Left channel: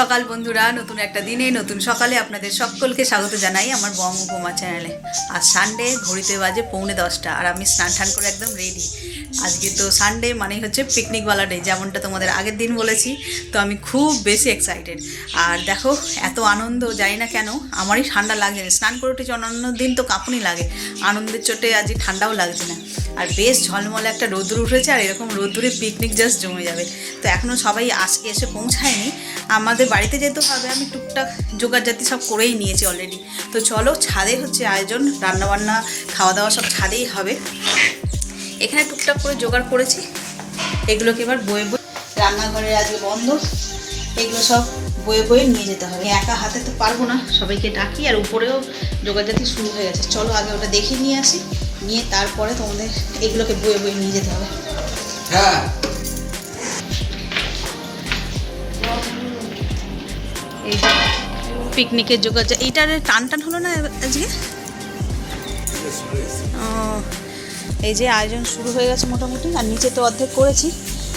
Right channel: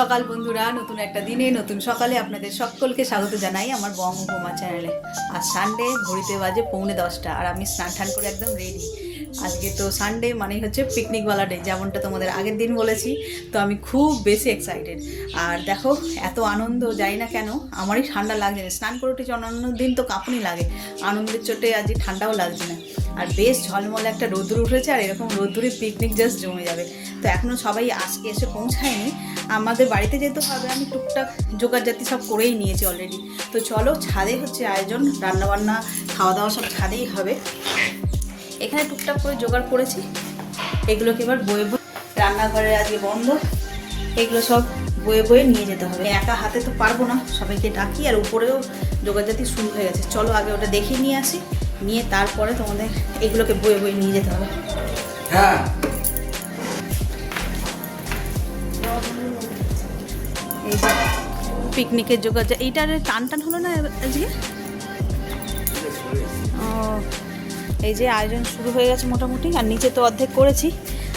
সকাল বন্ধুরা, নতুন একটা দিনে নতুন সকালে আপনাদের সকলকে স্বাগত জানাই আমার বং উপমা চ্যানেলে। আজ সানডে, ঘড়িতে বাজে 9:45 আর আমি স্নান টান করে একদম রেডি। আজকে তো সানডে মানেই হচ্ছে পিকনিকওয়ালা ডে, যেমনটা তোমাদের আগের দিন বলেছি। তো আমি খুব বেশি এক্সাইটেড। আর দেখো এত আনন্দ, জানি না কেন আমারই ঠান্ডা লাগে না। স্নান করে উঠেছি, অন্যান্য দিন তো কাঁপুনি লাগে, আনন্দের চোটে আজকে ঠান্ডাও লাগছে না। আর বেশ ঝলমলে একটা রোদ্দুর উঠেছে, আর এরকম রোদ্দুরে পিকনিক জাস্ট জমে যাবে। তো এখনও সবাই এসে পৌঁছায়নি। আমাদের বাড়িতে যেহেতু হবে, আমি টুকটাক জোগাড় জাতি সব করেই নিয়েছি অলরেডি। তো চলো, ছাদে হচ্ছে আয়োজন, রান্নাবান্না খাওয়া দাওয়া সব ছাদেই হবে। এখানে টুকটাক করে জোগাড় করেছি, এগুলোকে এবার বয়ে বয়ে, রান্নাঘরে আজকে বন্ধ, এগুলো সব বয়ে বয়ে নিয়ে যেতে হবে। একা হাতে তো পারবো না, সবাইকে ডাকি। আর উপরেও জোগাড় জাতি শুরু হয়ে গেছে। চলো আগে ওটা দেখিয়ে নিয়ে আসি, নিয়ে তারপরে তোমাদের এগুলোকে বয়ে বয়ে নিয়ে যেতে হবে। হ্যাঁ, পিকনিকের জোগাড়, এইটার টান টান হলো না আজকে। এই যে আয়োজন শুরু হয়ে গেছে মোটামুটি, আর নিচে তো অর্ধেক করেছি।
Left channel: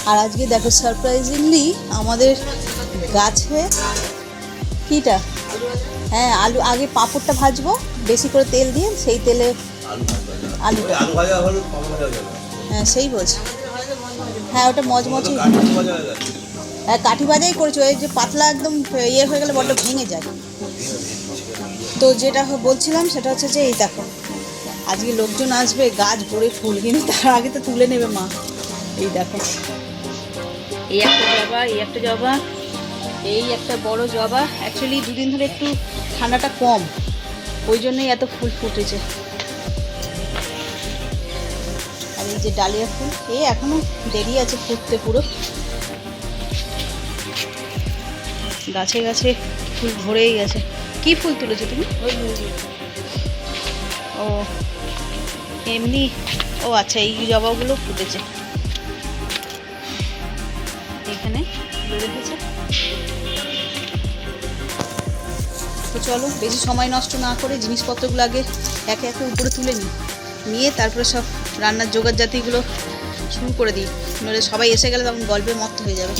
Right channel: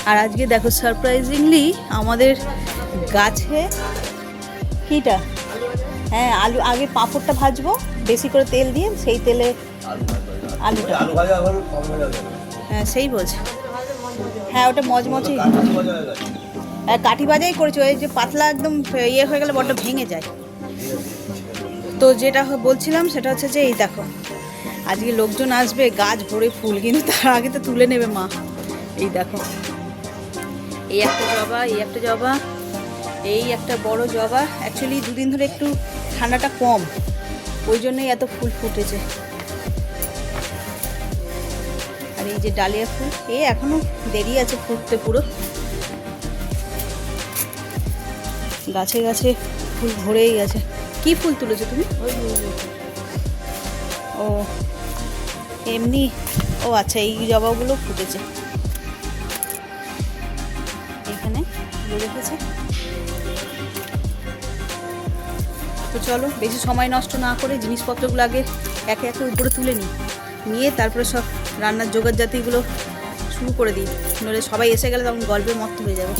আর আজকে দেখো সারপ্রাইজিংলি আমাদের গাছে কিটা, হ্যাঁ আলু, আগে পাঁপড়টা ভাজবো বেশি করে তেল দিয়ে, সেই তেলে আলু ভাজা, হ্যাঁ সেই বলছি, হ্যাঁ ওটা মজমজি, হ্যাঁ কাঠি ভাজাই করেছি। ওই যে পাতলা একদম ইয়ে হয়ে গেলে বড্ড ভেঙে যায়। তো যেটা বলছিলাম সেটা হচ্ছে যে এই দেখো আজকে লোকজন আসবে, গাছ ভরে ফুল, কিন্তু তার আগে তো তুলে নেবে মা। এই দেখো, এই একটা জবা, এই একটা জবা, এই একটা বড় জবা। অ্যাকচুয়ালি দুদিন ধরে একটু ঠান্ডাটা কম, ওই জন্যই এত ফুল ফুটেছে। আর এই যে ডালিয়া ফুল, এই এখনো দেরি আছে ফুটতে পুরো। গাছে গাছে ফুল ভরেই গেছে। কি ফুল তুলেছো তুমি? ও এমনি, ও আচ্ছা, এই জবাগুলো ফুটেছে এখানে রেখেছে। তো চলো, বেশি সময় নষ্ট না করে জিনিসপত্রগুলো আগে একে একে উপরে তুলে নিয়ে তারপরে সব রান্নার জোগাড় জাতিগুলো শুরু করে দিই। নইলে সবাই এসে গেলে তখন গল্পে মত্ত হয়ে যাবে।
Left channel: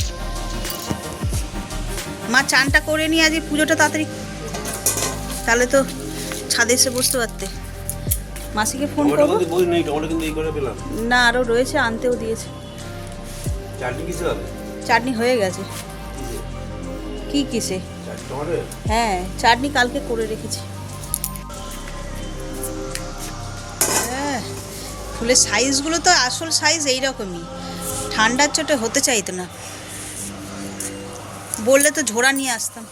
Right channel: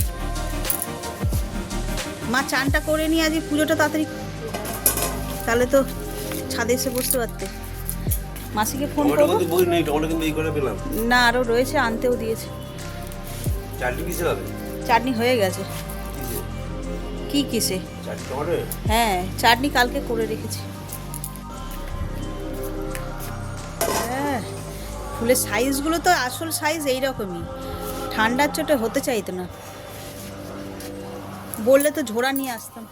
মা চানটা করে নিয়ে আজ পুজোটা তাড়াতাড়ি, তাহলে তো ছাদে এসে বসতে পারতে। মাসিকে ফোন করবো না, আরও রয়েছে, আনতেও দিয়েছে। চাটনি হয়ে গেছে। কি কিসে? হ্যাঁ চাটনি কালকে করে রেখেছি। হ্যাঁ, ফুলের সাইজগুলো তো আসল সাইজ এইরকমই, ঠান্ডার চোটে হতে চাইতো না। বললে তো ঝোড়া নিয়ে আসতাম।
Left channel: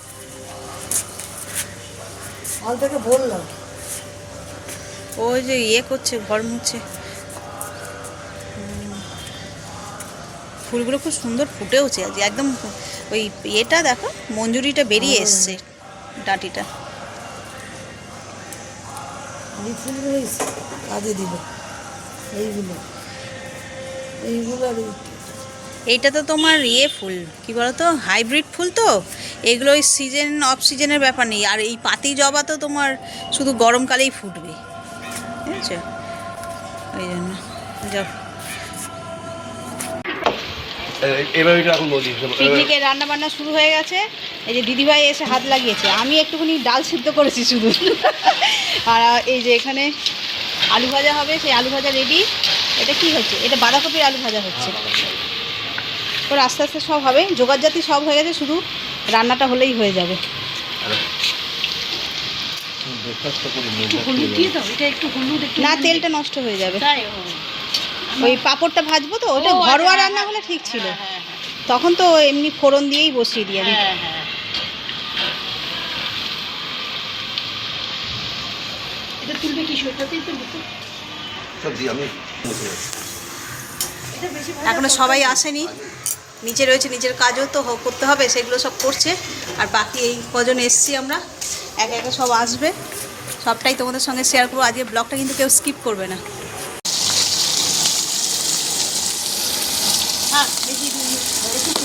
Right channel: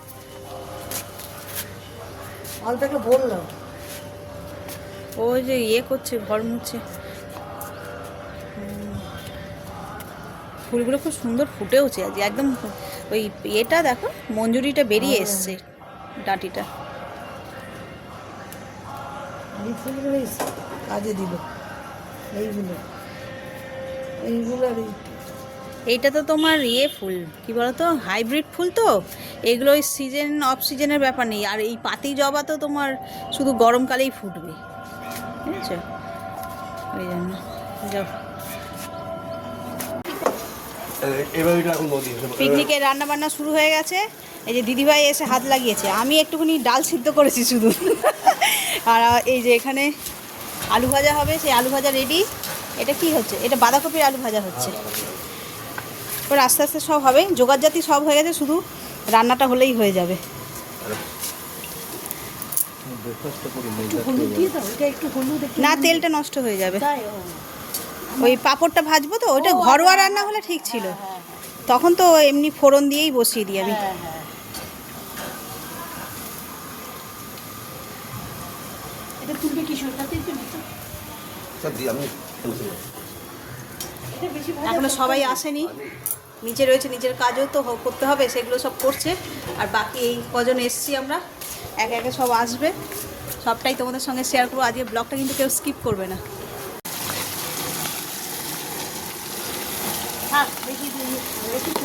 বললাম ওই যে ইয়ে করছে, ঘর মুছছে। ফুলগুলো খুব সুন্দর ফুটেওছে আজ, একদম ওই ইয়েটা দেখো, মঞ্জুরিটা বেরিয়ে এসছে, ডাঁটিটা। কাজে দিল এইগুলো, এইটা তো তোমার ইয়ে ফুল, কি বলতো, হাইব্রিড ফুল। তো এগুলো ওই সিজন অফ সিজনের ব্যাপার নেই। আর এই পাতি জবা তো তোমার শুধু গরমকালেই ফুটবে, বুঝেছো? ওই জন্য পিকনিকের রান্না বান্না শুরু হয়ে গেছে। এই যে দিদিভাই এসে হাত লাগিয়েছে, আমি একটুখানি ডাল সিদ্ধ করেছি শুধু। আর এই যে এখানে আলু ভাজা হবে, সেই আলু ভাজা রেডি। এটা কি হচ্ছে? এটা বাঁধাকপির আলু ভাজা হচ্ছে। এবার আস্তে আস্তে সব হবে, জোগাড় জাতি সব হয়ে গেছে, শুধু রান্নাটা হলেই হয়ে যাবে। না, তেলটা নষ্ট হয়ে যাবে। ওই পাঁপড়টা ভাজবো তো, ওটা ঘরোয়া রান্না হলে ঠিক ছিল, তখন তো এমনি ফোড়ন দিয়েই বসিয়ে দিই আমি। এখনো সবাই আসেনি, নিচে রয়েছে, নিজের কাজও তো করতে হবে, সেগুলো সব করছে। আর বাকি এই কজন এসছি আমরা, একে একে সব আসবে, সবটাই তোমাদের সঙ্গে শেয়ার করবো। আজকে ব্লগটা কিন্তু কেউ স্কিপ করবে না।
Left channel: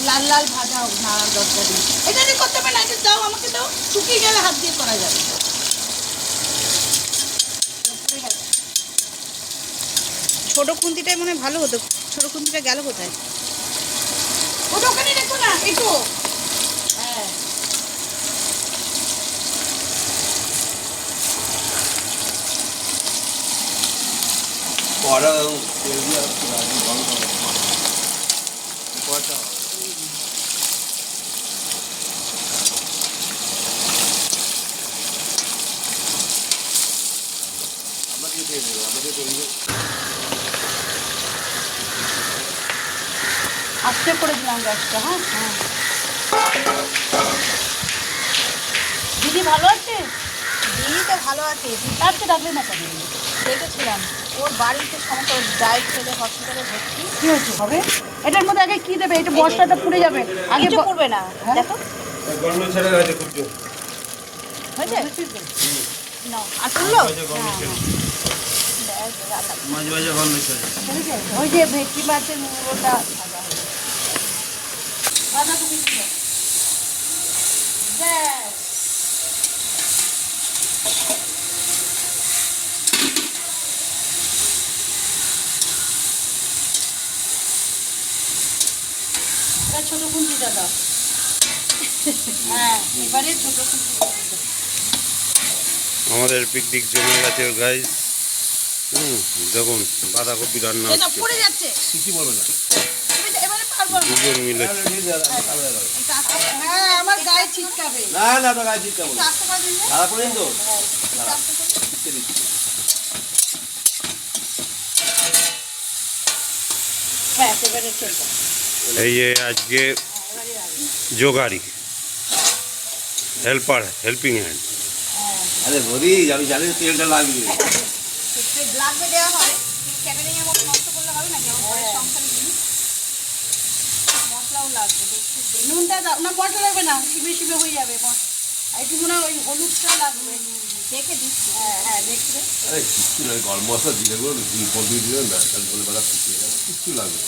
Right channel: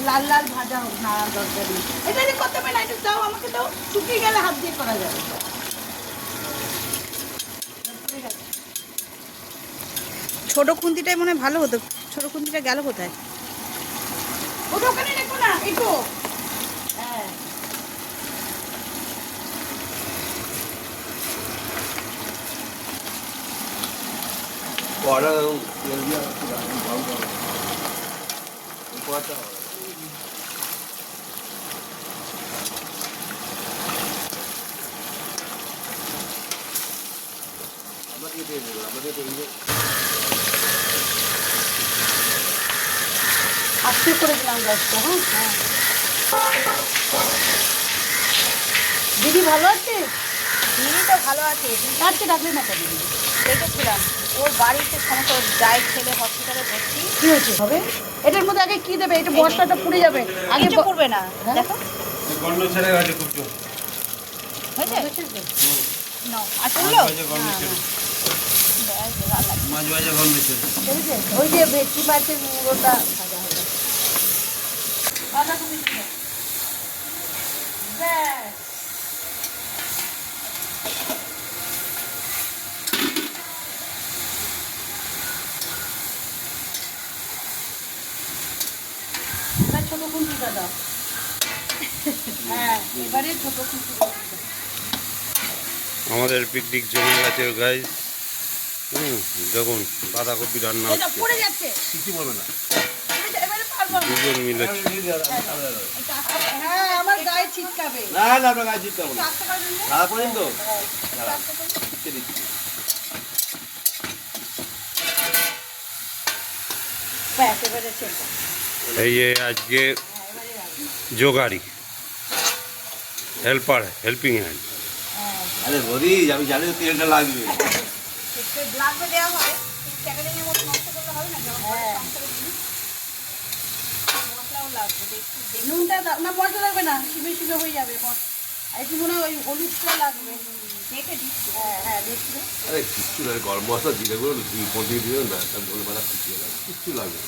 লাল লাল ভাজা হোক, নাড়ার দরকার নেই। এটা যদি করতে পারে না, এটা দাও আমাকে, দাও, শুকিয়ে গেলে হাত দিয়ে করা যাবে। ছোট খুন্তিটাই মনে হয় ভালো হতো। ছোট খুন্তিটা গেল কোথায়? ওটা ওখানে রেখো না, এই তো। হ্যাঁ কড়া তেল দিয়ে রাজি গরম করা কড়াটা আমাকে দিয়ে দেবো আমাদের তৈরি আস্তে করে দিলাম গ্যাসটা। হ্যাঁ দিদি ভালো আছে? দিদি তো ভালো আছে। আজকে ডাকলে না কেন? দেখেছিলাম ওর বাড়িতে সমস্যা, ডায়েট খেলে হসপিটালে ভর্তি। কী হয়েছে হবে? এটার মধ্যে আগে কী দেবে? এটা বস্তাটা পুড়ে যাবে। আগে কিছু করবে না, দেখো গন্ধ ছেড়ে গেছে খুব জোর। হয়েছে? না আর শুনলো মাঝে মাঝে গন্ধ ছেড়ে ওই যে ভেটকি মাছের মুড়োটা ভাজা হবে। বাঁধাকপি ছিল। ছোট খুন্তিটা দাও। হ্যাঁ এবারে ছোট খুন্তি। আমাদের পিকনিক জমে গেছে গাইস। যখন বাঁধাকপি রান্না হচ্ছে পড়ে যাচ্ছে কিছু বলবে না, এবারে পারবো না। দুজন মিলে। হ্যাঁ আমার গায়ে ছিটকাবে। না না আপনার গায়ে ছিটকাবো না, সারা করেন তো এই যে আজকে যোগাড়ি হেল্পিং হ্যান্ড। আরে বলি আমি জানি তেলটা লাগবে দেওয়া হয় ক্যাটারিং এর মতো নষ্ট করলে হবে না, যেমন সংসারে জিনিস মশলাও লাগবে। নুনটা দাও না, মশলা লাগবে না, শিবে শিবে হয়ে যাবে। আর একটু মনে হয় ওই হলুদটা লাগবে, দেখে দিচ্ছি। হ্যাঁ দেখছি। আরে কিচ্ছু লাগে, গরম মশলা দিলে করে দিয়ে দিলেন না, ধনে পাতা শুকিয়ে গেল, কিচ্ছু লাগে।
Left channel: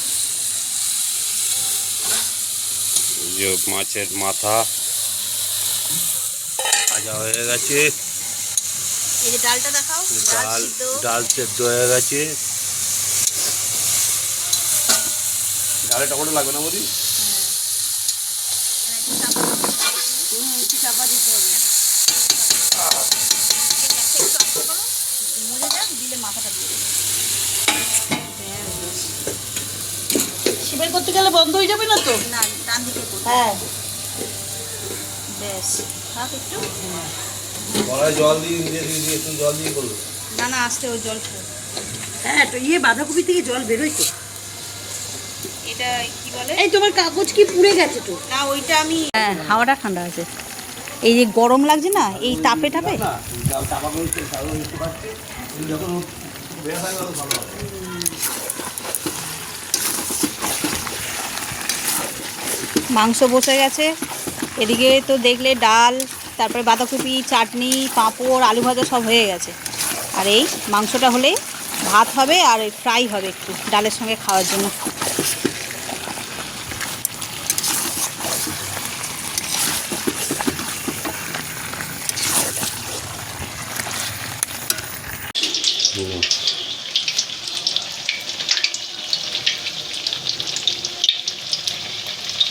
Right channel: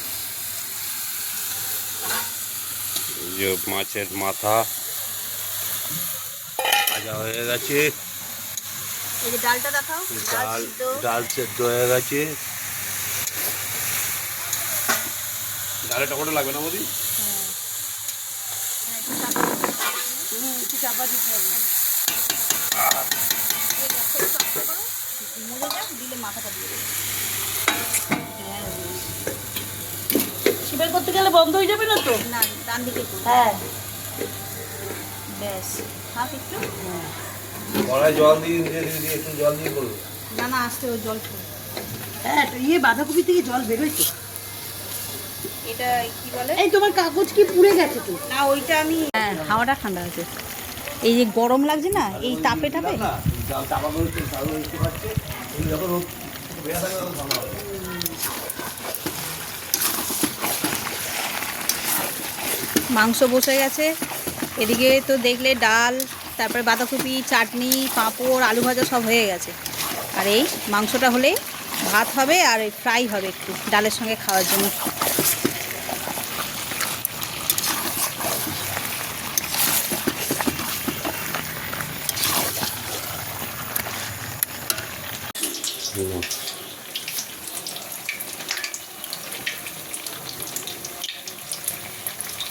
যে মাছের মাথা ভাজা হয়ে গেছে, এই যে ডালটা দেখাও। ডাল সেদ্ধ হয়ে গেছে। ডালে টমেটো লাগবে না বৌদি? একটু চাপা দিতে হবে। দিলে মাথাটা শিবের করতে গেলে বন্ধ হয়ে যাবে না তো? না ডান দিকে। হ্যাঁ ব্যাস হাত একটু জল দিয়ে একটু জল দিয়ে করবো। না না আস্তে ওই জল। হ্যাঁ তো ইয়ে বাঁধাকপি থেকে জল বেরোয় তো। এটা কি বলে? এই তোমার কাগজ কি পুড়ে গেছে তো? না ওইটা আমি, হ্যাঁ হাওয়াটা ঠান্ডা আছে। এই যে গরম লাগছে না এই তাপে টাপে। মাংস বসে গেছে এদিকে তো দেখলে, ডাল, তারপরে বাঁধাকপি, চাটনি, পাঁপড়, আলু ভাজা সব হয়ে গেছে। আর এই মাংসটা হলে ভাত হবে আর ফ্রাই হবে একটু ডালের সঙ্গে খাওয়ার জন্য।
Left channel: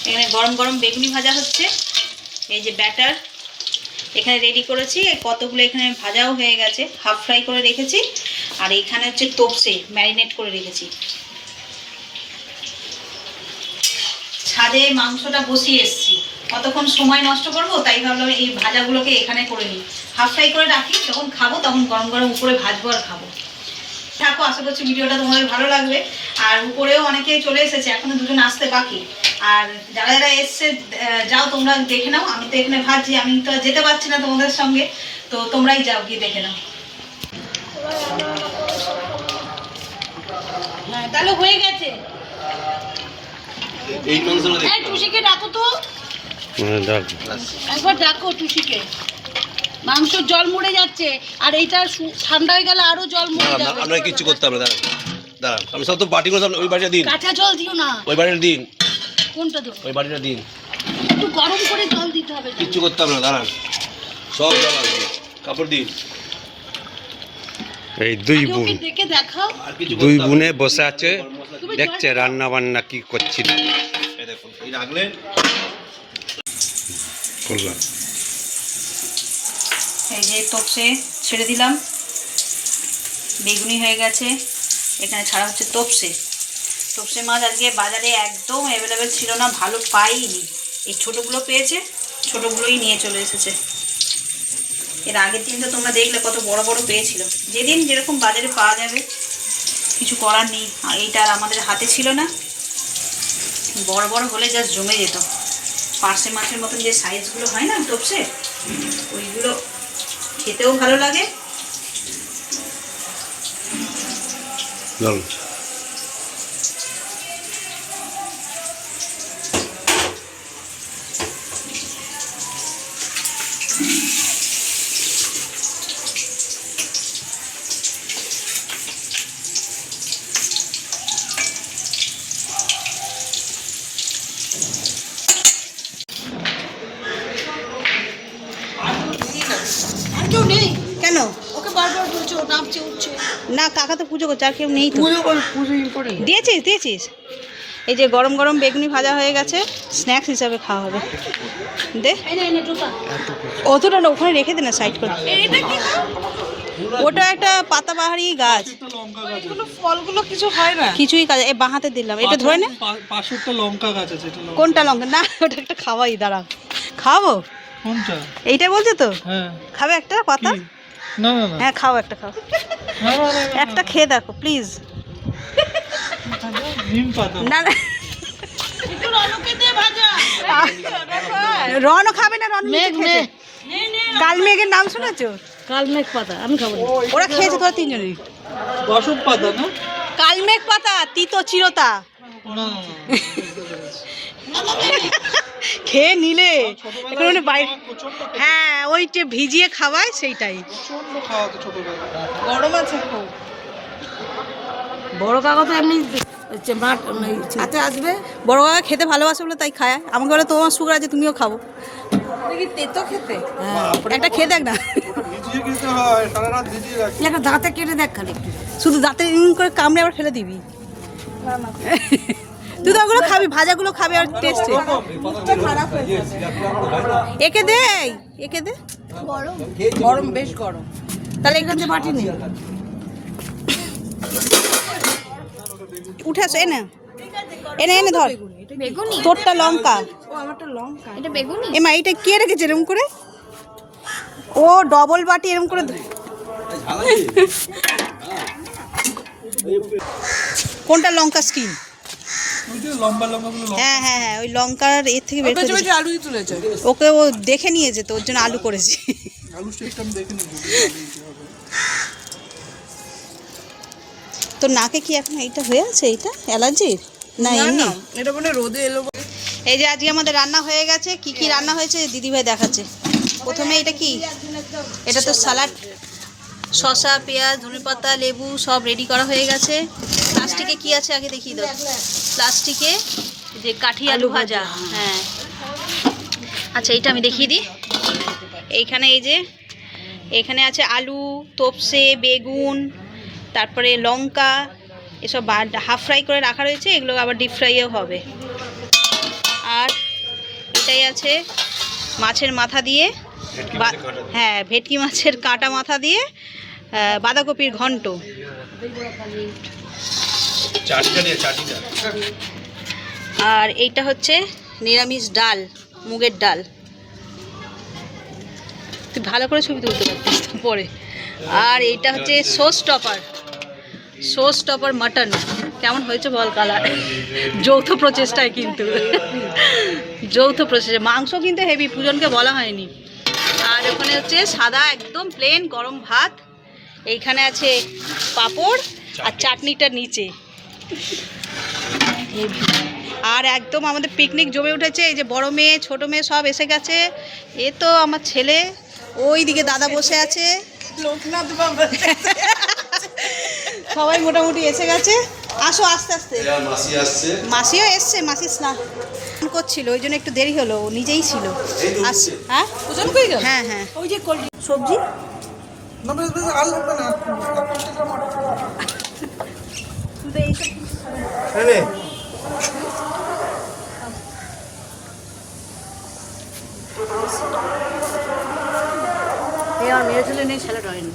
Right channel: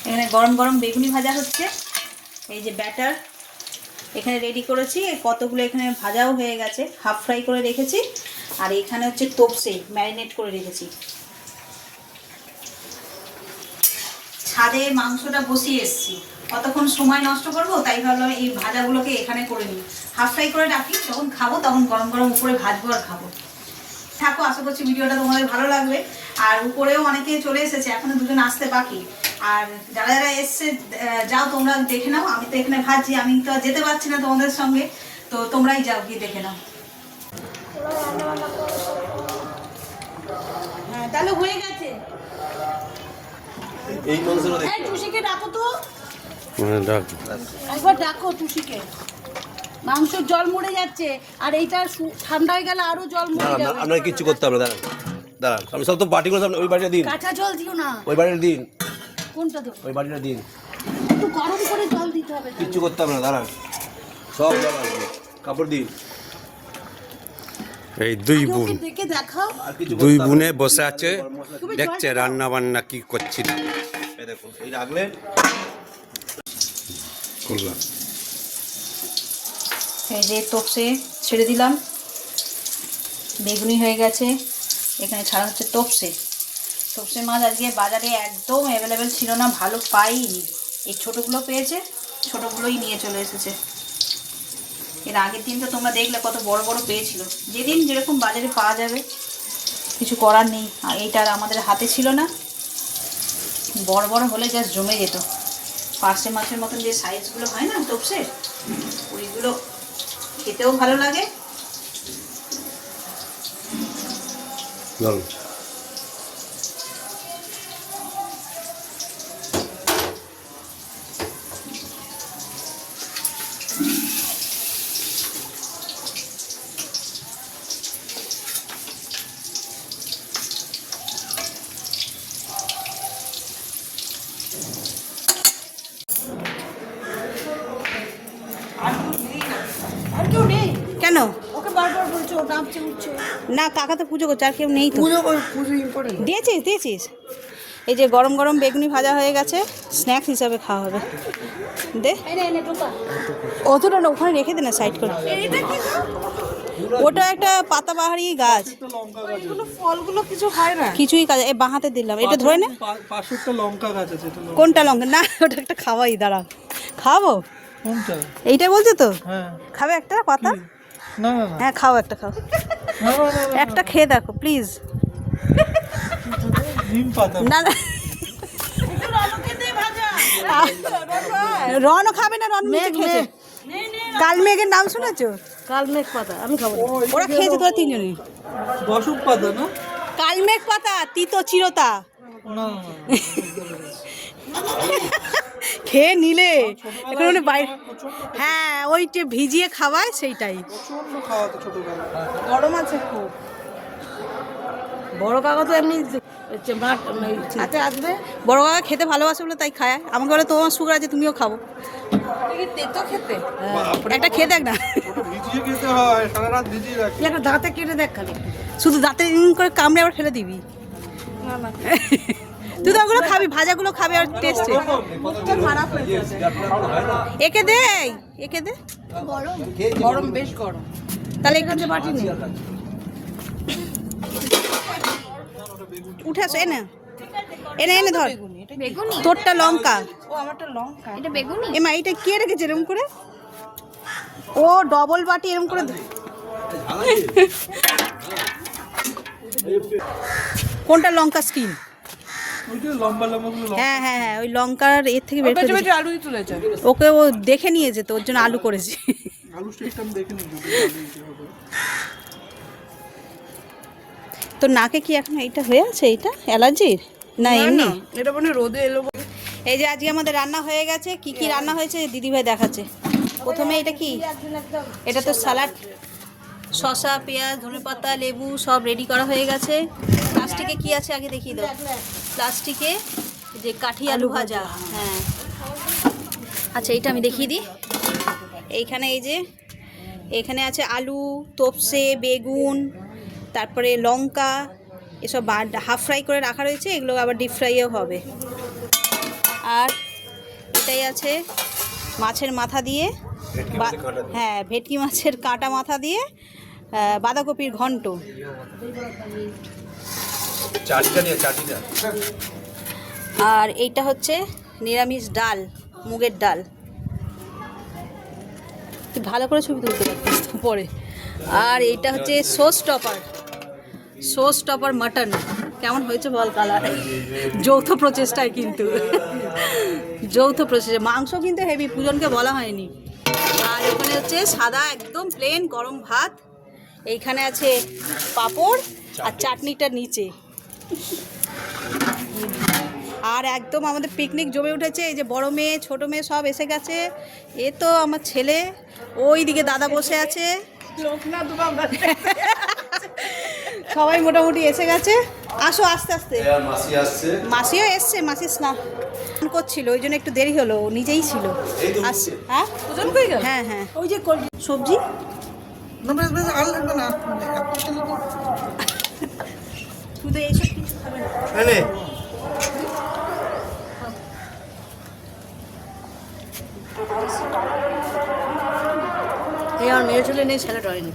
এখানে গরম গরম বেগুনি ভাজা হচ্ছে। এই যে ব্যাটার এখানে রেডি করেছি, কতগুলো এখানে ভাজাও হয়ে গেছে, হাফ ফ্রাই করে রেখেছি। আর এখানে হচ্ছে তোপসে ম্যারিনেট করে রেখেছি। ছাদে মাংসটা বসিয়ে এসেছি, কতক্ষণ সময় নষ্ট করব, তাই ভাবলাম এই ভাজাগুলোকে এখানে করে নিই, হাফ ফ্রাই করে রাখি, যখন খাবো তখন গরম গরম উপরে ভাজবো আর খাবো। থাকো, আশা করছি ভিডিওটা তোমাদের ভালো লাগবে। আর উপরেও অনেকেই চলে এসেছে, এখনো দুজন আসতে বাকি। আর যারা যারা এসছে যাও তোমরা দেখে নাও, আমি তো এখানে ভাবছি, আমি তো যেতে পারছি না তোমাদের সঙ্গে, তো তোমরাই যাও গিয়ে দেখে নাও। হ্যাঁ তাহলে হয়ে গেছে। টুসিকে ডাকো তো, একবার ডাকো টুসিকে। মাংস জল মরে যাচ্ছে আর এইটা ঠান্ডা হয়ে গেলে আরো জল মরে যাবে। আমরা কিছু করতে হবে না, দাঁড়া আমি সব তো বাটিগুলো সব ওই বাটিটা দিন। কাঁচা জল দিও না, ওই বাটিটা দিন। কোনটা দেব? ওই বাটিটা দিন, একটু গরম করে জল দিতে হবে। কিচ্ছু করতে হবে না, দাঁড়ান সব জল আসবে, কাপড় দিন। এই দুই বোনে বসে আছে, দেখছে রান্না বান্না কি করছি। রাখলেন এই যে তোপসে ছেড়ে দিলাম, বেগুনি হয়ে গেছে, এখানে ছাড়া হচ্ছে তোপসে। তোপসে মাছ আজকে বাজারে একদম অ্যাভেলেবেল ছিল না, ভালো পাইনি। এই ছোটোগুলো পেয়েছে, ছোটোগুলোই নিয়ে চলে এসেছে। এর আগের দিন তো তোমরা দেখলে কত বড় বড় পেয়েছিল। যেদিন যেরকম বাজারে পাওয়া যাবে, কিছু করার নেই। আর এইটা আর আমাদের হাতে ছিল না, বড় বড় হলে জাস্ট জমে যেত। পার্সে মাছের মতন যে সাইজগুলো হয় না তোপসে, ওইগুলো খেতেও ভালো লাগে। আর কেউ নেই কেন ওকে বারবার বলছো নামছে উঠছে না, কাকা তো পুজো করছে, আর কেউ নেই তো। পুজো করে দিয়েছিস। এই যে গরম গরম বেগুনি ভাজা হয়ে গেছে, স্ন্যাক্স হিসাবে খাওয়া হবে। দে অতটা না, ওখানে রেখে দে না, সাইড করে। ওটা একটা পাতাবাহারি গাছ, ফলগুলো কিছু হয় না। কিছুই কাজ। এই বাঁহাতে দিলাম, এটা ধরে না। পাশে একটা লঙ্কা গাছ আছে, এটা লঙ্কা। কোনটা লঙ্কা? না, ওটা একটা খাওয়াই, দাঁড়াও খাওয়াবো। কোনটা? এইটা বলছে তো, হ্যাঁ। খাবে একটা পাতা? কি? না না না। হ্যাঁ খাও, একটা খাও, না, না, না, না, একটা খেয়ে দেখো প্লিজ। নিম পাতা। না না, একটু রনকে দে ভাজা। রনও খাবে না, রন খেয়েছে। কাল মেঘের নাম শুনেছো? কালমেঘ পাতা আমি খাবো না। ওরা খেয়েছে তোরা তিনজনে। বসব পাতা না? কালমেঘ পাতা, তিতো চিরতা। না, খেয়ে নিলে এখন মানে বাইরে। প্রচন্ড হ্যাঁ, ওইটা ভিজিয়ে খাওয়ায়, সেইটাই। প্রচন্ড খাওয়াতো ছোটবেলা। গরম আছে খুব। বড় কাকা তো এমনি হাতে আসবে। বড় কাকা খেতে ভালোবাসে বলে তাই খায়। আমার ঘরে তোমার সুগার আছে, তুমিও খাবো। তেতো খেতে একটা খেয়ে দেখ না, ওটা ভিজিয়ে খেতে হয়, সারা রাত ভিজিয়ে রাখতে তুই একটা দাঁতে কেটে দেখ খালি একটু। শুধু দাঁতে করে কামড়ে আবার ফেলে দিবি। তুই তো ওগুলো খাবি, ভাজাগুলো খাবি, আর টেস্টে। একে দে, একে দে। গরম বেশ গরম। তাহলে এখান থেকে বাটি নেই, উঠে আসো। এনে এনে এনে ধর। বেগুনি তোরটা লঙ্কা। ও আমারটা লঙ্কা। এটা বেগুনি এমা এইটা কে রেখেছে এরকম করে? ও ডবল বাটি এরকম করে। কোনটা লঙ্কা স্কিন? ওই যে লম্বা লম্বাগুলো লঙ্কা। হ্যাঁ হ্যাঁ হ্যাঁ, ওই লঙ্কার এর থেকে বের করে দিয়েছে। আলুই তুলেছে। ওকে ও দেখে নিয়েছে তো, ওর জন্য আলু করেছি। আলু স্টেপটা আমি দেখিনি, যদি আলু দিতে হবে। তোর নাকে কি এখন এইটা হয়ে আছে? এইটা অ্যালার্জির না এমনি? এটা মানে রোদে এলো। এই যে আজকে আমাদের রান্না হয়ে গেছে। কি কি রান্না হয়েছে দিদিভাই দেখাচ্ছে। প্রথমে এটা কি? এটা তো সালাড, শসা, পেঁয়াজ, ধনেপাতা, লেবু সব রেডি করা হয়ে গেছে। প্লাস্টিকে কি আছে আগে দেখিয়ে দাও। প্লাস্টিকে যে কাঠি আলু ভাজা। হ্যাঁ আচ্ছা, এটা আমি দেখিয়ে দিই। এইখানে এই যে এখানে আছে আলু, তোপসে, বেগুন, তারপরে লঙ্কা, এসব হাফ ফ্রাই করে রাখা রয়েছে। এগুলো আবার ডিপ ফ্রাইও হবে। আর এটাই আছে মাছের মাথা দিয়ে, হ্যাঁ ভেটকি মাছের কাটা মাথা দিয়ে বাঁধাকপির ঘন্ট। আর এইটা হচ্ছে নিরামিষ ডাল, মুগের ডাল। তুই ভালো করে ছবি তুলতে পারতিস তো পরে। আর এইটা হচ্ছে সোস টপার মাটন। কেমন হয়েছে বল কালার? যৌথ প্রচেষ্টায় কিন্তু, যৌথ প্রচেষ্টা। মাংস কিন্তু হেভি, পূজনকে বলা হয়নি। আর ওখানে হচ্ছে সাদা একদম প্লেন গরম ভাত। এইখানে আছে পাঁপড় আর চাটনিটা নিচে। আর একদম আমাদের পিকনিক জমে উঠেছে। এই যে বড় মেয়ে, ছোট মেয়ে সব এসে গেছে। এ তো আমার ছেলে, ওই দিকে দাদা বসে আছে। সবাই মোটামুটি এসে গেছে। আসো আস্তে আস্তে। মাসিও এসছে, মাসি স্নান করছিল, ওই জন্য একটু দেরি হলো। ও নিজেই ছিল। হ্যাঁ হ্যাঁ হ্যাঁ। ওই যে সবজি না, বেশ বেশ আর লাগবে না। শুধু এইসব। এই আর মেয়ে ছেলে নেই, ছেলেটা হয়নি।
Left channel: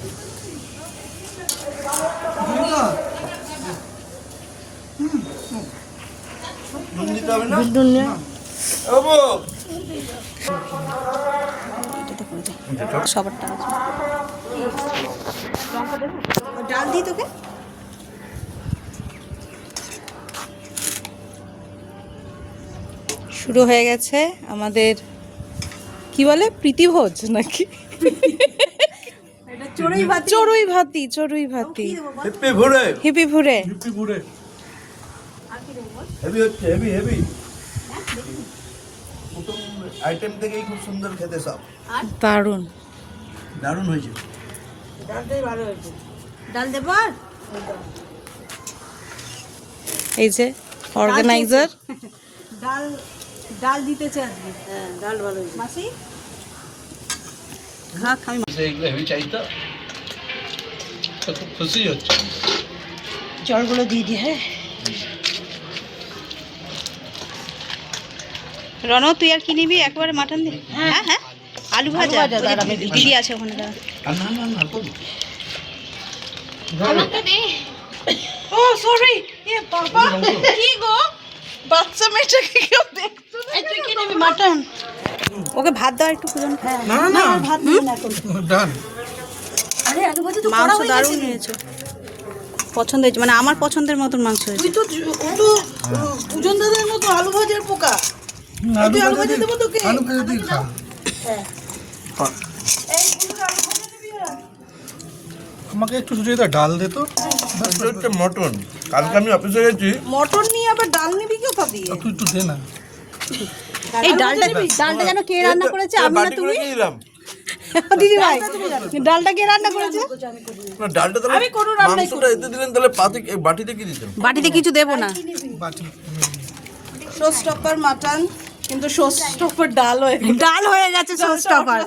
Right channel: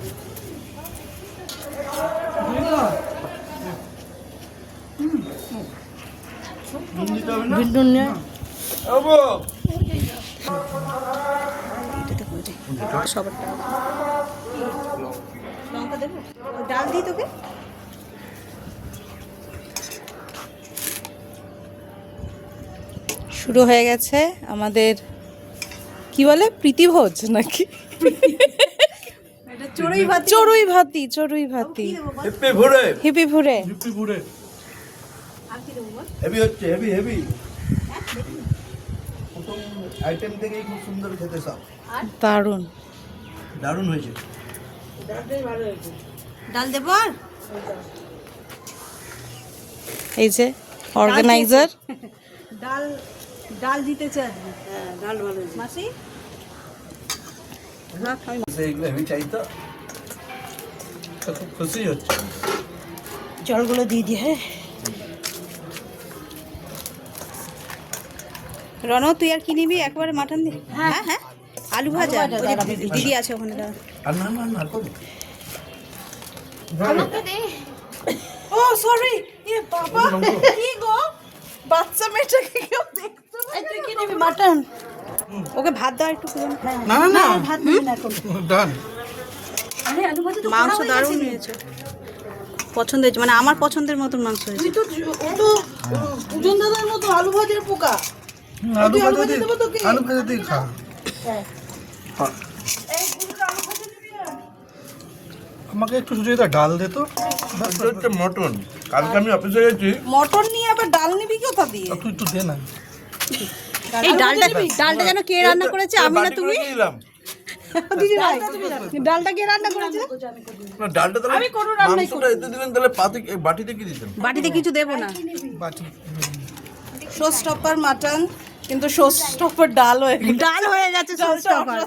সবারটা ডাল দিই তোকে। শুরু হয়ে গেছে আমাদের কি বলে প্রীতিভোজ নাকি চড়ুই ভাতি হিপি ভুরে প্রথম আইটেম থেকেই খুব সুন্দর খেতে সব দারুণ দারুণ হয়েছে। ডাল দেব আর এই যে অর্গানাইজার ডাল দিতে চাই। হ্যাঁ ডাল ভালো মাসি খা খাই এগুলো হেভি চাইতো তো খুব খুশি হচ্ছে। জলগুলো দিয়ে দিয়ে। হ্যাঁ রণ তুই আর কি নিবি একবারে মাটন দি। হ্যাঁ হ্যাঁ আলু ভাজা দিদি আছে ওখানে। আর না না না কত ও সরি এ বাবা কি গো বাচ্চা মেয়েটাকে কেউ দেখতো না। তুই কি নিবি মাটন? ওকে ভাত দাও একটু কুজন। না না ভাত দিবি না এখন। ডান আরে আলু ভাজা তো মাংস দারুণ হয়েছে, পছন্দ হয়েছে, মানে আমার পছন্দের মতন মাংস হয়েছে। তুই তো পূজন দাদার মতো আলু ভাজার পোকা। তুই আলু ভাজা দেবো তোকে? আলু ভাজাতেই খা। আমাকে একটু সুযোগ ডাল দে তো। হচ্ছে মটন। কালকে আমি অফিসে গেছি মটন নিয়ে আবার ডাল নিবি কোথা দিয়ে? তুই একটু দে না। এই ডালটা যেন কে রান্না করেছে? আমি না তুমি? দিলাম দিদি ভাই ডালটা কে রান্না করেছে? ডালটা তাহলে মাংসটা এতে দিলেন, তাহলে পাতে বাটিতে কি দিতেন? বাটিতে কিছু দেবো না। বাটি শো স্টপার মাটন, কিন্তু শো স্টপার ডাল হয়ে ডাল হয়ে গেছে সস টপার।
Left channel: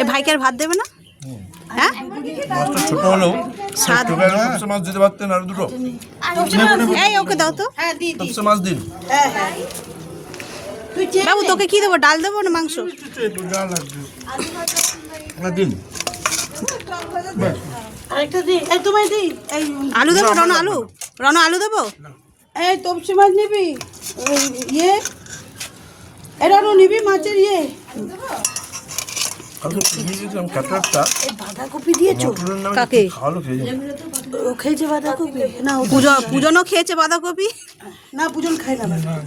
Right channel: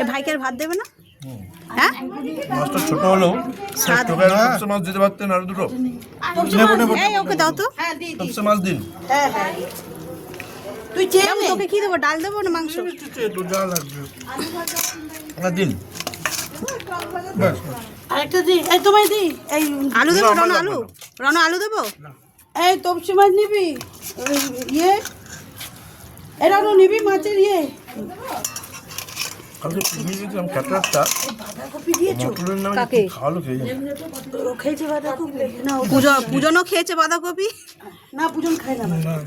এ ভাইকে আর ভাত দেবে না? হ্যাঁ মাছটা ছোট হলেও তপসে মাছ দিতে পারতেন আর দুটো। এই ওকে দাও তো। হ্যাঁ দি দি। তপসে মাছ দিন। হ্যাঁ হ্যাঁ তুই চেয়ে বাবু তোকে কি দেবো, ডাল দেবো না মাংস? একটু ডাল লাগবে। আপনার দিন আরেকটা দি। এই তোমায় দি। এই আলু দেবো রণ? আলু দেবো? এই তপসি মাছ নিবি? ওই ইয়ে এরা নিবি মাছের ইয়ে। কালকে পিকনিক গেছিলাম খাটলাটা এই বাঁধাকপি দিয়েছো? মটনের নামে কাকে? ভালো খেয়েছি। ও খেয়েছে বাঁধাকপি? না ও পূজনও খেয়েছে বাঁধাকপি। না পূজন খাই না।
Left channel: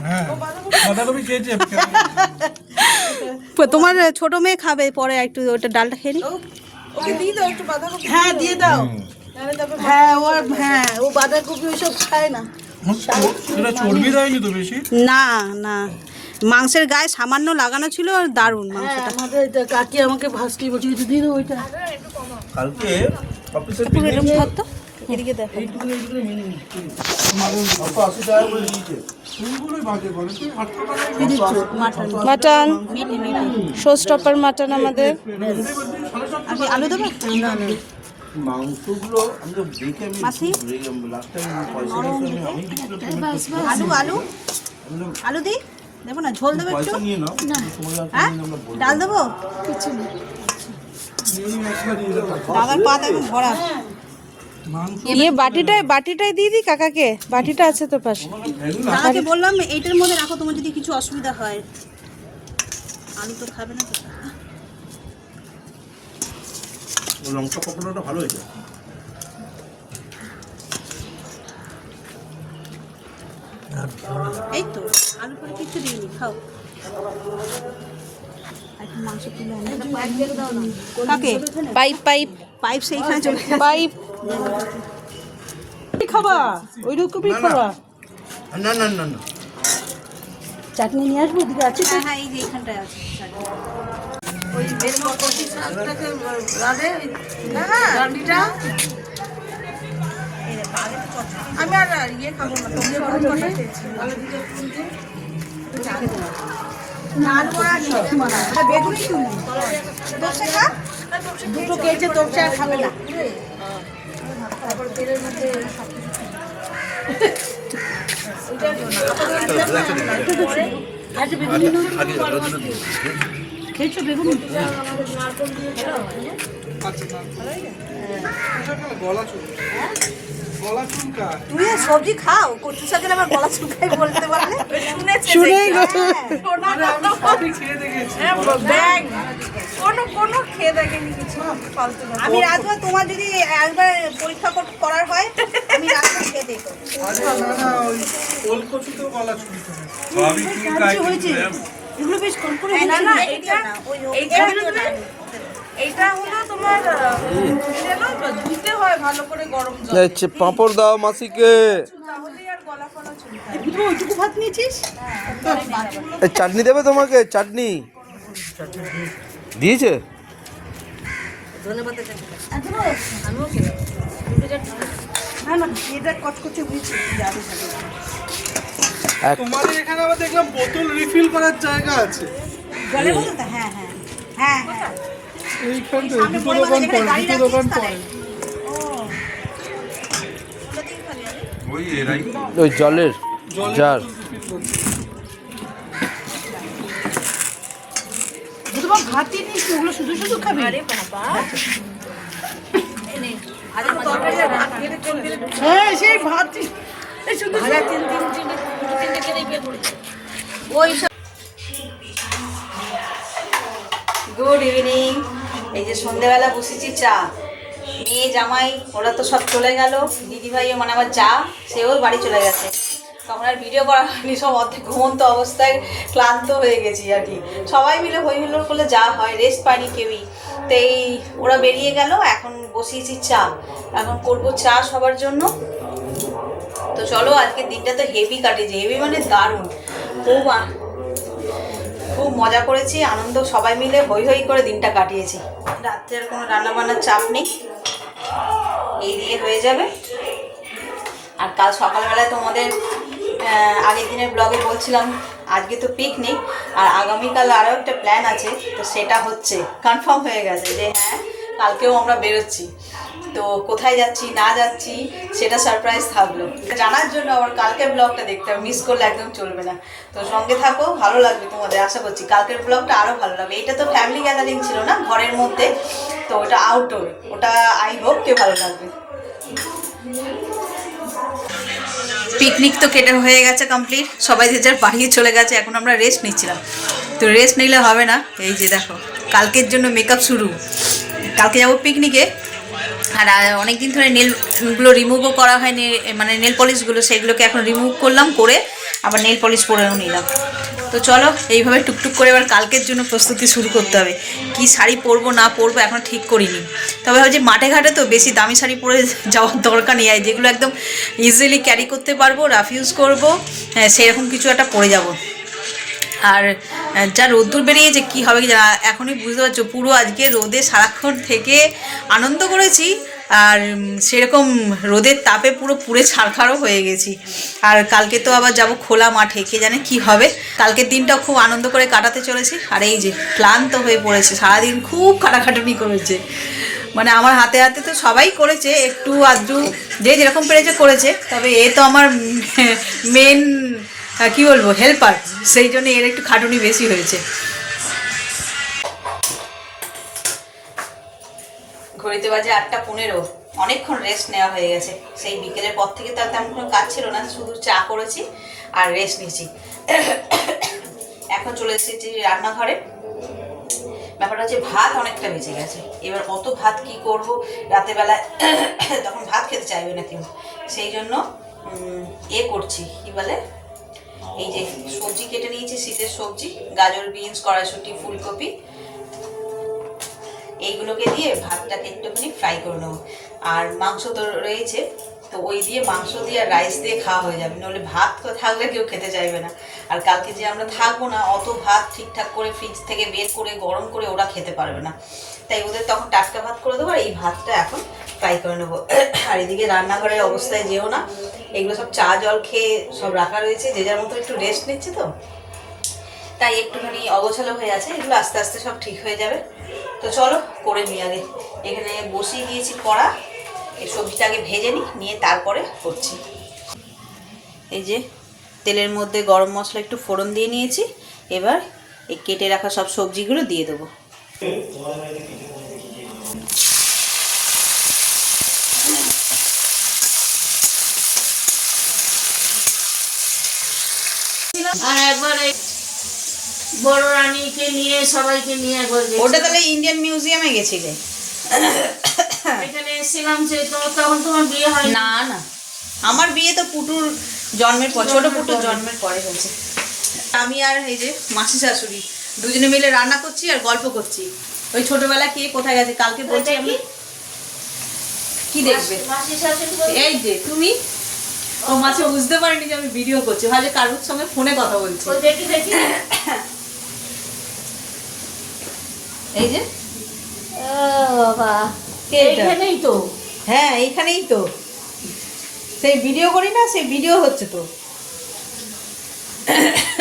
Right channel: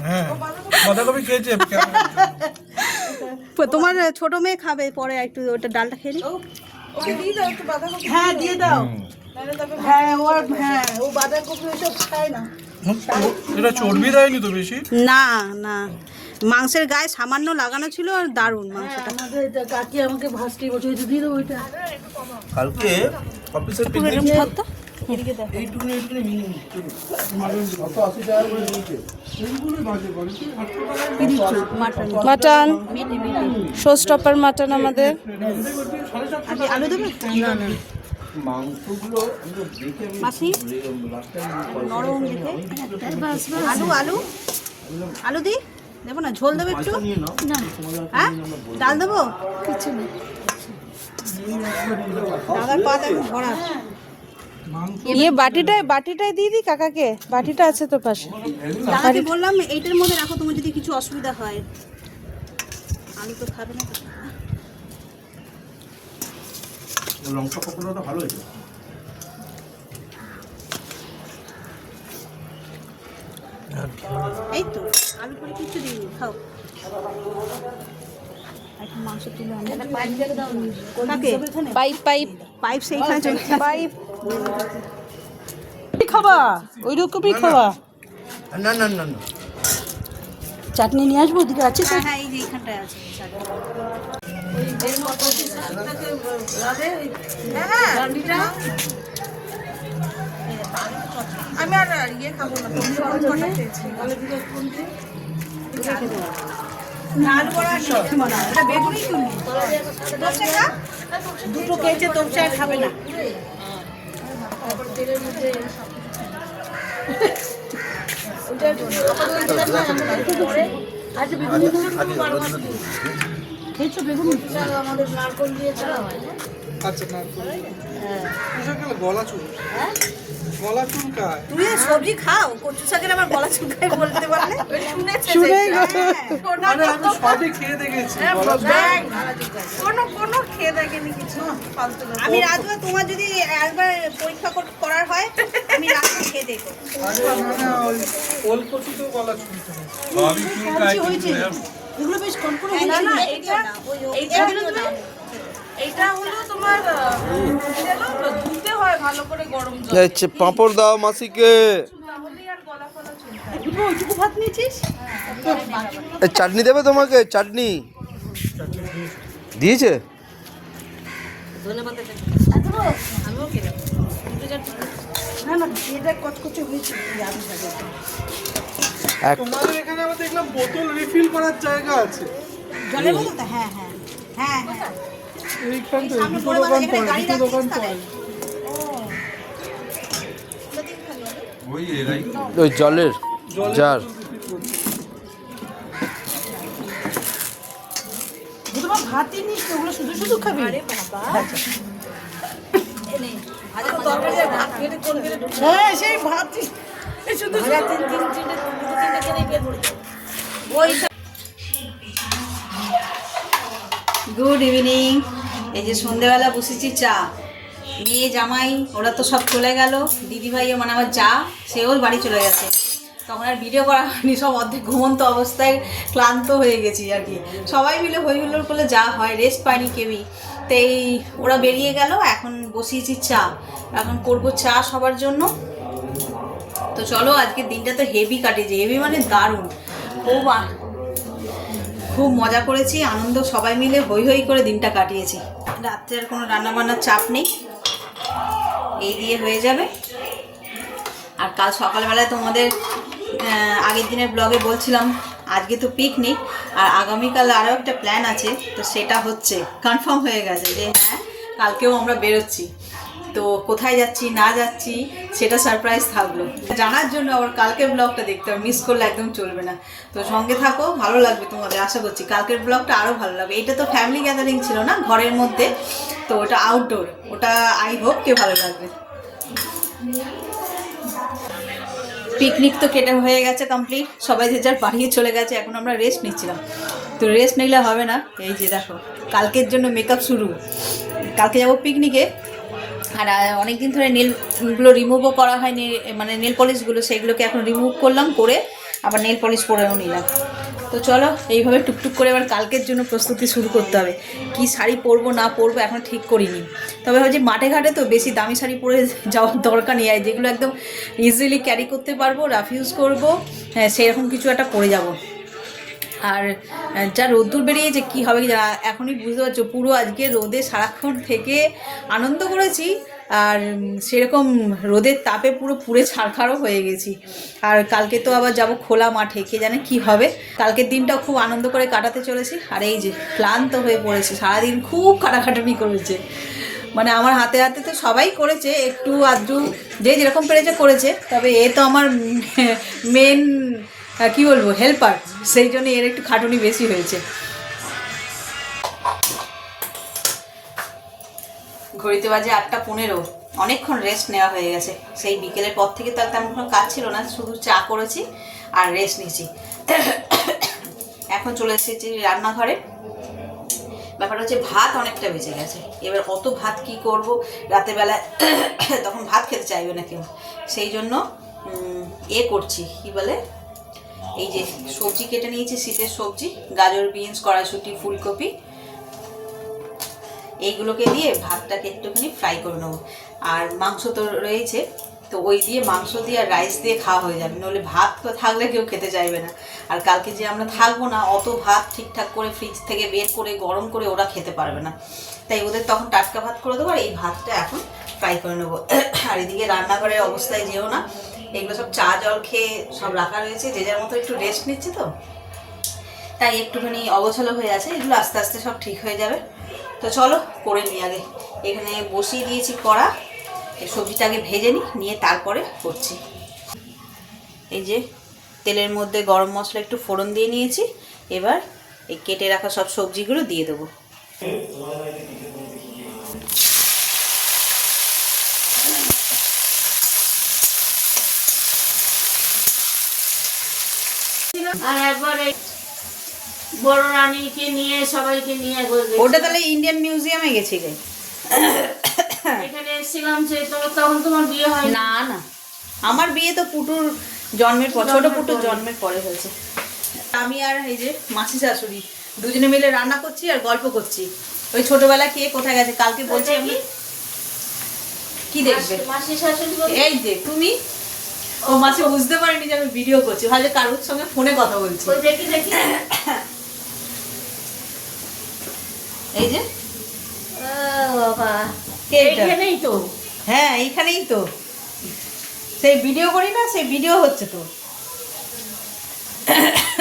হ্যাঁ বাঁধাকপি খেয়েছি। তোমার ছোট মেয়ে খাবে, পরে একটু ওটা ডালটা খেয়ে নি। ওকে দিয়ে দাও একটু বাঁধাকপি। হ্যাঁ দিয়ে দাও। হ্যাঁ ও বাঁধাকপি ওসব খায় না। এটা চর্বি দেয়নি তো বেশি? না না, মাংসের গায়ে সামান্য লাগানো ছিল আর দারুণ হ্যাঁ মাংসটা। আমাদের এটা কাকি আমাকে ভাসটি বলছে একটু দিয়ে দাও ওইটা। কালকে অফিসের পুরো এরকম পিকনিকে ভাত তো এদিকে দে। এইটুকুনি মিনি 80 টাকা করে নিয়েছে। এইগুলোই বাজে করে তুই 800 টাকায় মাটন শো স্টপার মাটন আমাদের। আগে আলু দেবে? মাংসগুলো আমি তো দেখে আমি মাসি লাস্ট টাইম পয়সা নিয়ে আমি আলু দি দেবো না? ঝোল দেবে একটু? পয়সা নিয়ে নাও সময় হ্যাঁ ডাল দেবো? দাদার পাত এখন ভরা। ইয়ে বাটিটাই দিয়ে দিই কাকাকে, বাটিটা আছে তোর পাশে। কাকাকে বললাম এইটার মধ্যে রাখো, তোমার যদি কিছু অসুবিধা হয়। আলু তো খাবে না। লঙ্কা পকোড়াটা ভালো হয়েছে। এই তো আলু পরে কিছু দিইনি, খাও। এখন মাংস তুলে আনে। কাকে? পাইপ সেইখানে চলে পাইপ। কি খাবা? ওই রকমই খাবা। না না না না চাটনি নিয়ে আসবো ওদিকে আছে? হ্যাঁ হ্যাঁ এই যে এইখানটায় আছে। ওই বেনো কচি শাকটাকে রাধে ওই ডান্ডিটা। আমি আর ইয়ে খাবো না। আলু দিয়ে বেগুনি তোপসে খা। দুটো খেয়েছে তোপসে আর খাবে না। তারপর তেলের মধ্যে খেয়েছো বেগুন? আচ্ছা না গলা চুল গলা চুলকায় তুমি সবজি খাও, কচু শাকের আমার গলা চুলকায় বলতে পারলে? শুনেছে মানে আমি সবই খেয়ে দেখেছি কোনো খেয়ে দেখেনি কিছু ফালতু। আমি রাজমা তোমার যদি একবার পরীক্ষা করার হয় আমি রাজমা খেয়ে দেখো। আচ্ছা না না ওই ওল কচুতেও গলা চুলকায় সবই চুলকায় হয়েছে এগুলো বেশ কোন করে না না এটা হলো তোমার ধুতে হয় ভালো করে গরম জল পাঁপড় দাও মাসিকে ওইটুকু ভাত নিয়েছিস? চাটনি দেবে তোমাকে চাটনি দিয়েছে না না এটা কচকচে হয়েছে আলু ভাজা। তোমাদের এখানে আবার দেখলাম বোতল রিফিল করার জায়গা আছে জলের বোতল তো? হ্যাঁ হ্যাঁ হ্যাঁ হ্যাঁ। এইখান থেকে দুটো দোকান পড়ে দুটো দোকান পড়ে ওই এরাই ওই জলের জার দুটো ভাতই নিস, ওগুলো শুধু শুধু খাবি? হ্যাঁ সেই ভাত শুধু গুড ইভিনিং। এই যে সন্ধ্যেবেলা বসেছি চা, মেয়ে জামাই ওরা তো সব চলে গেল, দিদিভাই মানে আমার যা সেও বাড়ি চলে গেছে, তখন আর ভিডিও করা হয়নি, সব অর্ধেক ঘুমন্ত অবস্থায় ক্লান্ত হয়ে গেছি আর কি। সবাই মিলে হই হুল্লোড় করলে যা হয়, রেস্ট পাইনি কেউই। তো এই ওরা বেরিয়ে গেল, এখন বসিয়েছি চা, এখন করবো চা সবার জন্য। তো চলো আজকের দিনটা তো হেভি কাটেছে, হেভি মানে দারুণ, খুব মজা করেছি, আনন্দ সবাই মিলে হই হই করে দিনটা কাটিয়েছি। রাত্রে আর কোনো রান্নাবান্নার চাপ নেই, এই দিয়ে হয়ে যাবে। আর কাল সকালবেলায় তোমাদের আগের দিনের ব্লগে বলছিলাম আজকে তো পিকনিক, আর আগামীকাল আরও একটা প্ল্যান আছে, তো সেটা হচ্ছে কনফার্ম হয়ে গেছে যে হ্যাঁ কালকেও আমরা বেরোচ্ছি। তো কোথায় যাচ্ছি না যাচ্ছি সেটা সারপ্রাইজ থাকলো, জানার জন্য আবার কালকের ব্লগটা দেখতে মিস করলে একদম চলবে না। তো সঙ্গে থাকো, ভালো লাগবে তোমাদের, আশা করছি কালকের ব্লগটা আরও ভালো লাগবে। এটা তো ফ্যামিলি গ্যাদারিং ছিল না, ঘরের মধ্যে, তো ওটা আউটডোর, ওটা আই হোপ কে ভালো লাগবে। পিকনিক তো কেটে হয়ে গেছে কমপ্লিট, সবাই যে যার বাড়ি চলে গেছে, এখন আমরা রেস্ট নিচ্ছিলাম। তো রেস্ট নিলে হবে না, এই যে দেখো কালকের জন্য মেকআপ শুরু, কালকে যাবো পিকনিকে। আর অনেক দিন ধরে নেলগুলো রিমুভও করা হয়নি, মানে নেল পলিশগুলো সেগুলোকে এখন রিমুভ করলাম, করে আবার নেল পলিশ পরেও নিলাম। তো চলো এইভাবে টুকটুক করে এবার কালকের জন্য প্রস্তুতি শুরু করতে হবে। কি শাড়ি পরবো না পরবো এখনও ঠিক করিনি, তবে হচ্ছে মাঠে ঘাটে তো বেশি দামি শাড়ি পরে যাওয়ার দরকার নেই, যেগুলো একদম ইজিলি ক্যারি করতে পারবো, রাফ ইউজ করবো, হ্যাঁ সেরকম কিছু একটা পরে যাব। আর যা রোদ্দুর বেরিয়েছে কী হবে কি এখনই বুঝতে পারছো, পুরো আজকে রোদে সারাক্ষণ থেকে আনন্দ করেছি, আর সেরকম রোদের তাপে পুরো পুড়ে ছারখারও হয়ে গেছি। আর কালকে তো আবার যাব খোলা মাঠে, কে জানে কি হবে। কালকের দিনটাও খুব আনন্দ করে কাটাতে চলেছি, আর এই যে ক্লান্ত হয়ে পড়েছে, সারাদিন খুব খাটাখাটানি করেছে, মানে আমার হাতে হাতে তো সবাই করেছে, একটু আধটু যে যেরকম পেরেছে করেছে, তবে এ তো আমার মেন কি বলবো হেল্পার, সেই জন্য এর একটু খাটুনি বেশি হয়েছে। ঘড়িতে বাজে 8:15, অনেকক্ষণ রেস্ট নেওয়া হয়ে গেছে, সেই বিকেলের পর থেকে তার তেমন কোনো কাজ ছিল না, শুধু চা করেছি আর রেস্ট নিয়েছি। এখন চলে এসেছি রান্নাঘরে। ব্যাপারটা হচ্ছে ভাত অনেকটা বেঁচে গেছে, এবার অত ভাত কি করব রাতেরবেলায়, তখন ভাত খেতে চাইবে না কেউ, সেই জন্য করছি কি বলে, এই যে সবজি কেটে নিয়েছি, শীতের সবজি, গাজর, বিনস, কড়াইশুঁটি, ফুলকপি, এইগুলোকে দিয়ে ভাতটাকে একটুখানি ফ্রাই করে নেবো। আর মাংস তো রয়েছে, তো ওই দিয়ে মাংস দিয়ে আর রাইস দিয়ে খাওয়া হয়ে যাবে, নাহলে ভাত থাকলে কেউ খেতে চাইবে না। আর কালকে যে আমরা থাকবো না, অত ভাত ঠিকঠাক করে ফ্রিজ থেকে বের করে গরম করে ওরা খেতে পারবে না, তাই ওদের তখন টাটকা ভাত করে দেবো, আর এই ভাতটা এখন ফ্রাই করে নেবো। আর এদিকে রান্নাঘরের অবস্থায় যেও না, এগুলো সব চা জল খেয়ে সব রাখা রয়েছে, যে যার মতো একটু রেস্ট নিচ্ছে, তো তাই একটুখানি অগোছালো হয়ে আছে, এগুলো আস্তে আস্তে সব ঠিক হয়ে যাবে। তো চলো করে নিই, আগে এখানে বসিয়ে দিয়েছি কড়া, এই সবজিটাকে ভেজে নিয়ে তারপরে করছি। এই যে তেলের মধ্যে গরম মশলা একটু ফোড়ন দিয়ে নিয়েছি, এবার এই কেটে রাখা সব সবজিগুলো দিয়ে দেবো। আর একবারে বড় রানীকে নিয়ে সবাইকে নিয়ে একবার ওটা তাহলে ইন্ডিয়ান মিউজিয়ামে গেছিলে? এখানে এসেছিলাম তখন তোমার বিয়ে হয় না না, আমার বিয়ে তো পুটুর জন্মের পর, ছোট পুটুর জন্মের পরে হয়েছে। আমি আর এই যে মাসি শাশুড়ি দুজনে মিলে রান্না করছি আর গল্প করছি। ওই ছোটবেলা কে কোথায় গেছে কালকে বলছি আমি। কি দেখবে? মাসি শাশুড়ি এই যে তুমি, ও মাসি বুঝতে পারেনি যে আমি ভিডিও করছি, ভাবছে কারোর সঙ্গে ফোনে কথা বলছি। দেখি দেখি এই যে বাবা কে এটা? এইখানেই তো। হ্যাঁ এইখানেই তো, সেই ভিডিও করি না, সেই ভিডিও হচ্ছে তো।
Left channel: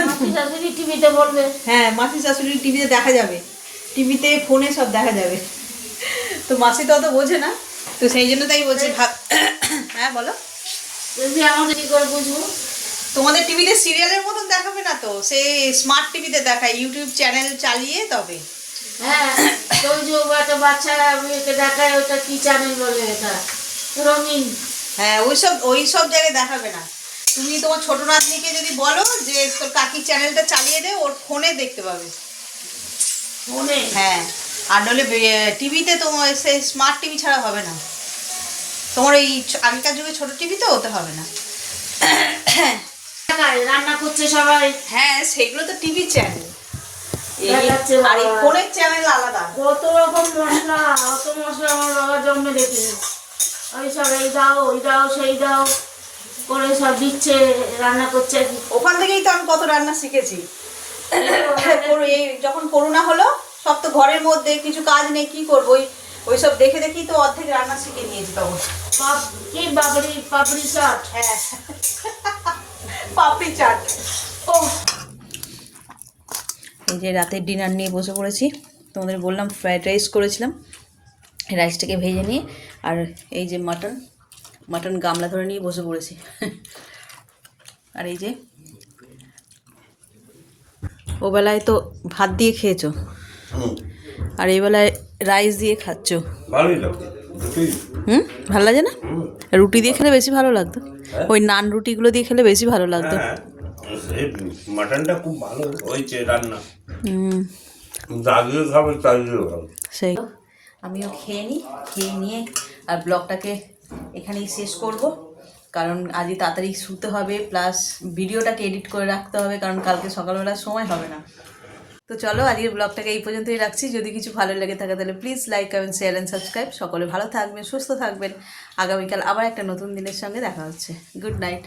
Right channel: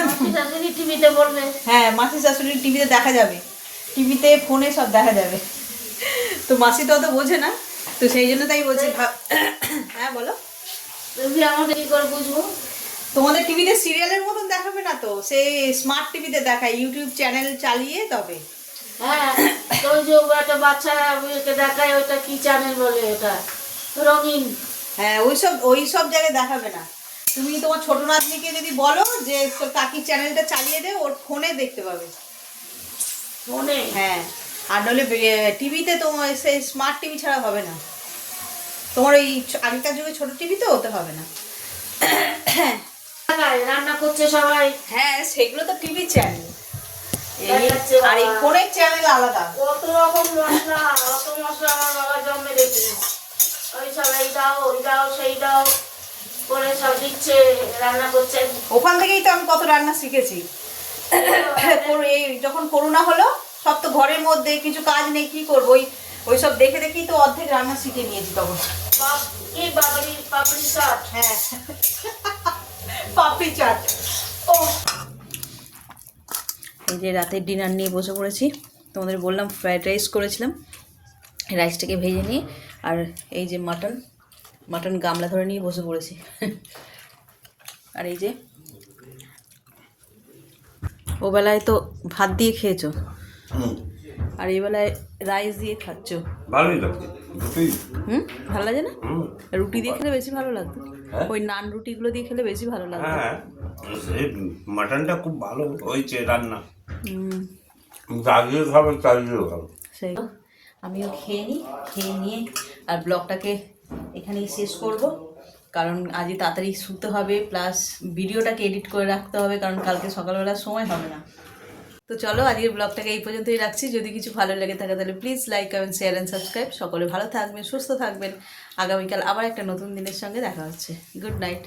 মাসি শাশুড়ি টিভিতে বলবে। হ্যাঁ মাসি শাশুড়ি টিভিতে দেখা যাবে, টিভিতে ফোনে সব দেখা যাবে। তো মাসি তো অত বোঝে না, তো সেই জন্য তাই বলছি। হ্যাঁ বলো। তুমি আমাদের কি করে বুঝবো? তোমাদের টিভিতে সিরিয়ালের মতন দেখাবে না তো, সেই স্মার্ট টিভিতে দেখায়, ইউটিউব চ্যানেল চালিয়ে তবে। হ্যাঁ ওই যে একটা বাচ্চা মেয়েকে দেখায়, ওটা কি চ্যানেল বলে এটা, রঙিন। হ্যাঁ ওই সব জায়গায় দেখাবে না। তুমি তোমার ছোট নাতনিকে যদি বলো যে তোর কাকির চ্যানেলটা চালিয়ে দে, ওর ফোনে দেখতে পাবে। ফোনে? হ্যাঁ, আর নইলে টিভিতে তোমার সেই স্মার্ট টিভি ছাড়া হবে না। তোমার ওই আগেকার যুগে ছোট টিভি তো ওতে হবে না। রান্না করছে সবাই। হ্যাঁ সেগুলো তো টিভি চ্যানেল, দেখাচ্ছে আর এই ফোনের চ্যানেল আলাদা। কত রকম মশলা, অত মশলা আমার বাবা জন্মে দেখিনি। ওই সব এই দাও ওই দাও সেই দাও করে সব দিচ্ছে, রান্না করছে। ওখান থেকেই তো আমি কত রান্না শিখেছি। এই যখন করোনা হলো, সব তো ঘরের মধ্যে, কিছু কাজ নেই, কি করবো, ওই সব দেখে দেখেই তো অর্ধেক রান্না শিখে নিয়েছি তখন। পাপড়ি চাট। হ্যাঁ পাপড়ি চাট। ও এই যে রাতের ডিনার নিয়ে বসে পড়েছি। তোমাদের বললাম ফ্রাইড রাইস করেছিলাম, রাইসটাকে ভেজে নিয়ে, আর এই যে মাটন গামলা ধরে নিয়ে বসে পড়েছি। আর এই যে ও বেলায় তো ভাত দিয়ে খেয়েছো, আর এই বেলায় রাইস দিয়ে খাচ্ছ। ভালোই লাগছে দুটোই। ভালো লাগে না? রুটি দিয়ে খেলে বেশি ভালো লাগতো, ওই নান রুটিগুলো দিয়ে খেলে বেশি ভালো লাগতো। হ্যাঁ মাটনটা খুব ভালো হয়েছে রান্না। হুম দাদিও খাবে, চালিয়েও খাবে। সেই আমিও খেয়ে নিয়ে আর ব্লগটাকে এখানেই শেষ করব, কারণ আজই তাড়াতাড়ি শুতে হবে, প্লাস ভিডিওটাকে এডিট করে রাখতে হবে, কারণ কালকে সকালবেলার সময় হবে না। তো চলো আজকের ব্লগটাকে এই পর্যন্তই রাখছি। যদি কিছু ভালো লেগে থাকে তাহলে please like, comment, share and subscribe. সকলে ভালো থাকবেন, সুস্থ থাকবেন। আগামীকাল আবার একটা নতুন দিনের সঙ্গে দেখা হচ্ছে। Good night.